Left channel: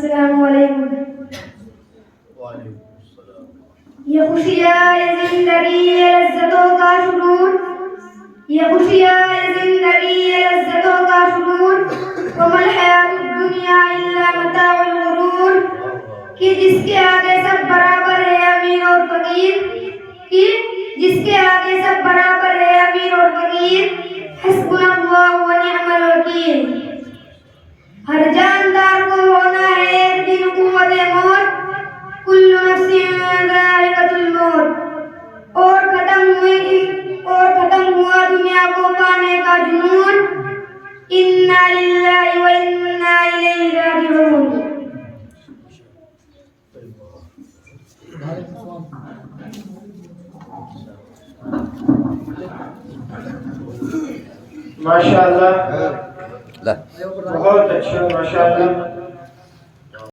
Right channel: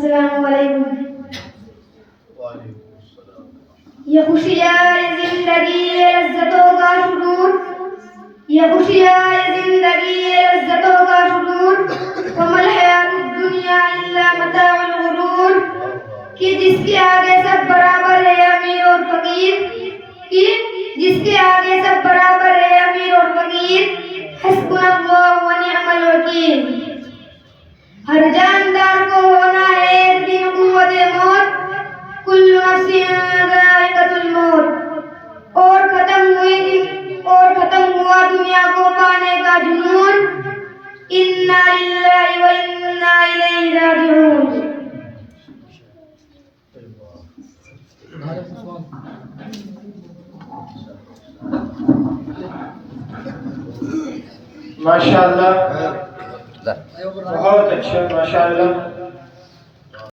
अस्सलाम वालेकुम। ये खुशियाँ ये जिंदगी ये लज्जतों का शुरूर, ये खुशियाँ ये जिंदगी ये लज्जतों का शुरूर, वमल हयातुद दुनिया इल्ला मताउल गुरूर। कि जिसके आगे सब बराबर है अमीर और फकीर, कि जिसके आगे सब बराबर है अमीर और फकीर, हस्बुनल्लाहु व निअमल वकील। हर जानदार को होना है एक दिन कुव्वते मौत, कुल्लु नफ्सिन ज़ाइक़तुल मौत। और खत्म हुआ दुनिया को पाने का जुनून, इन्ना लिल्लाहि व इन्ना इलैहि राजिऊन। माशाअल्लाह, बहुत अच्छा, माशाअल्लाह।